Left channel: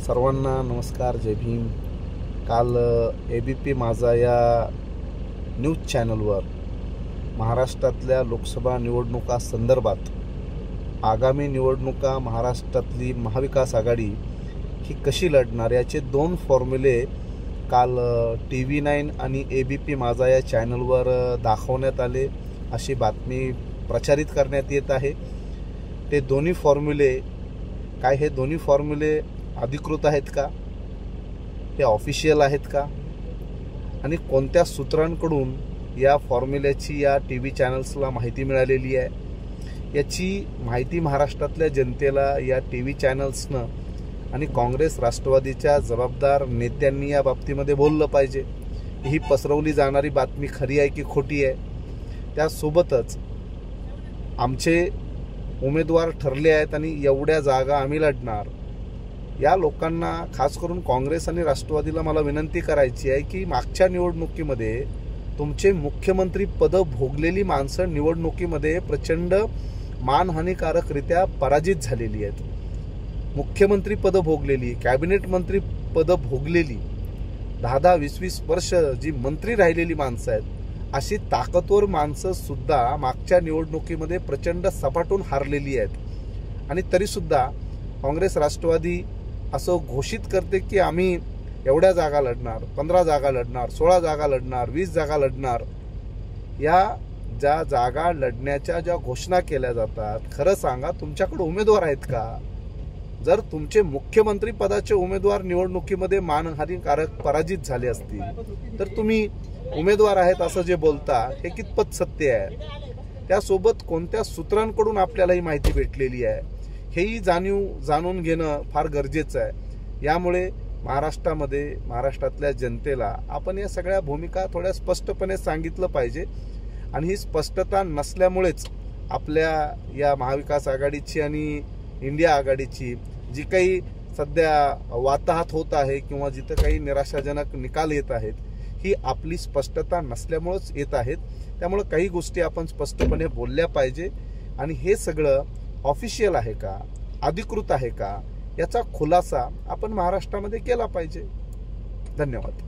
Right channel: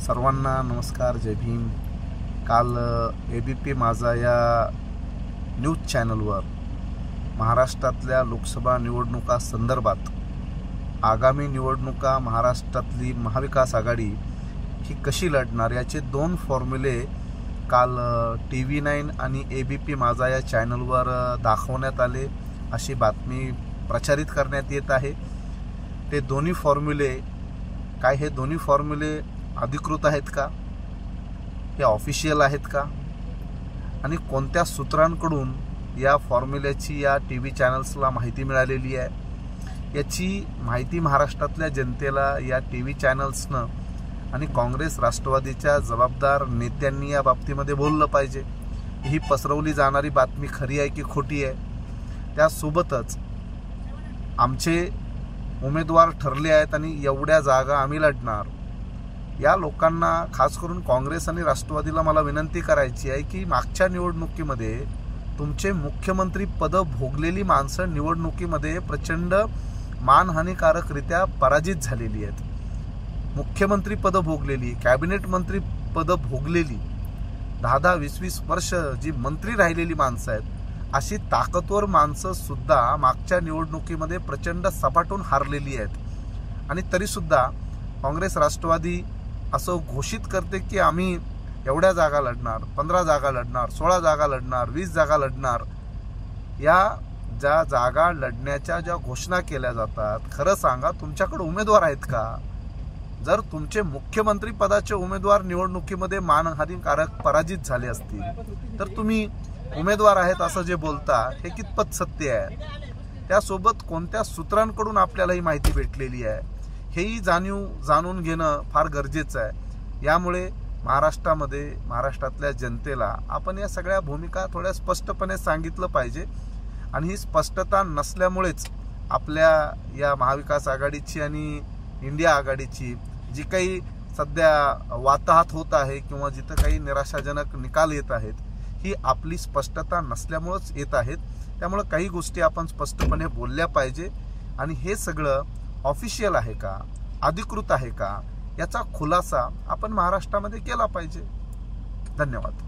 सर्वांना नमस्कार, जय भीम। काल ABP माझा या न्यूज चॅनलवर महाराष्ट्रातल्या लोकसभा निवडणुका संदर्भात आगामी निवडणुका महाराष्ट्रातली महाविकास आघाडी ही कशी लढणार याचे 2 फॉर्म्युले काल TV9 आणि ABP माझा या चॅनलवर दाखवण्यात आले, अशी बातमी प्रचारित करण्यात येत आहे। ते दोन्ही फॉर्म्युले काय, हे दोन्ही फॉर्म्युले अधिकृत आहेत का, हे ऑफिशियल आहेत का, आणि कोणत्या सूत्रांकडून या फॉर्म्युल्याची या TV चॅनल्सला माहिती मिळालेली आहे याची माहिती महाराष्ट्रातल्या जनतेला या TV चॅनल्सनं आणि काँग्रेस राष्ट्रवादीच्या जबाबदार नेत्यांनी या बाबतीमध्ये बोललं पाहिजे। ही पसरवली जाणारी बातमी खरी आहे की खोटी आहे। त्यासोबतच आमचे उमेदवार ठरले आहेत आणि एवढ्या जागा आम्ही लढणार, या लोकांना खास करून काँग्रेस आणि राष्ट्रवादीला मला विनंती करायची आहे की मागच्या निवडणुकीमध्ये तुमचे मुख्यमंत्री पद भोगलेली माणसं निवडणुकीमध्ये प्रचंड मानहानिकारकरित्या पराजित झालेली आहेत। मुख्यमंत्री पद भोगलेली, कॅबिनेट मंत्री पद भोगलेली, 10-10, 20-20 वर्ष जी मंत्री राहिलेली माणसं आहेत, अशी ताकदवर माणसं सुद्धा मागच्या निवडणुकीमध्ये प्रचंड सपाटून हारलेली आहेत। आणि तरीसुद्धा काँग्रेस राष्ट्रवादी असं घोषित करते की आम्ही एवढ्या जागा लढणार, 15 जागा लढणार, 16 जागा लढणार, 20 जागा लढणार। या ज्या जागा लढण्याच्या ज्या घोषणा केल्या जातात, खरं सांगा तुमच्याकडे उमेदवार आहेत का? जर तुमचे मुख्यमंत्री पदाचे उमेदवार निवडणुकीमध्ये मानहानिकारक पराजित झाले असतील तर तुम्ही उमेदवार आहेत असं जे बोलता हे कितपत सत्य आहे? त्यासोबत कोणत्या सूत्रांकडून आपल्याला ही माहिती भेटलेली आहे हेही जाणून घेणं फार गरजेचं आहे। यामुळे महाराष्ट्रातल्या जनतेला आपण या सगळ्या भूमिका थोड्या स्पष्टपणे सांगितलं पाहिजे। आणि ही स्पष्टता नसल्यामुळेच आपल्या या महाविकास आघाडीची आणि इंडिया आघाडीची जी काही सध्या वाताहत होत आहे किंवा जिथं काही निराशाजनक निकाल येत आहेत, ही आपली स्पष्टता नसल्यामुळेच येत आहेत। त्यामुळे काही गोष्टी आपण स्पष्टपणे बोलल्या पाहिजे आणि हे सगळं ऑफिशियल आहे का, अधिकृत आहे का, याचा खुलासा आपण महाराष्ट्रामध्ये केला पाहिजे। धन्यवाद।